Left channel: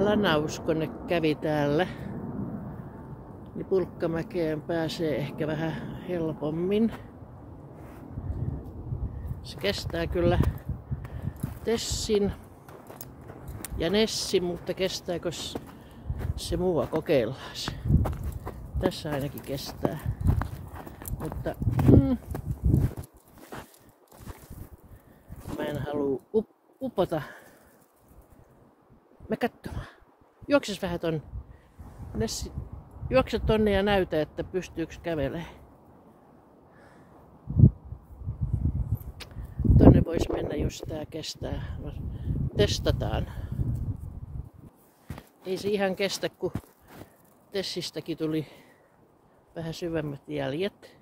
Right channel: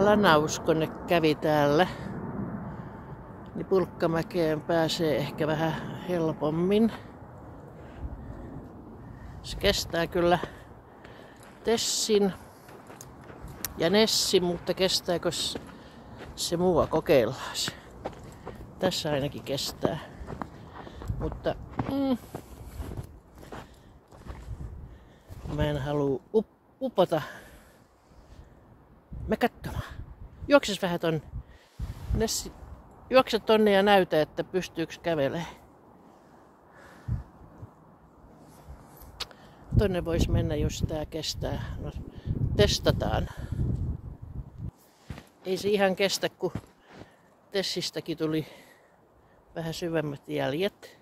Lanauskone kävi täällä. Niin Pulkkamäkeen pääsee ehkä vähän helpommin. Se kestää kyllä Tessin ja Nessin, mutta kestääkö se mua kokeillaan se. Tässä ainakin kestää. Mutta mä en halua upota. Me katsomaan. Juokses vähän tonne. Nessi, juokse tonne ja näytä, että pystyykö kävelemään. Tonne voisi mennä, jos tää kestää. No, testataan. Ei se ihan kestä, kun Tessistäkin tuli vähän syvemmät jäljet.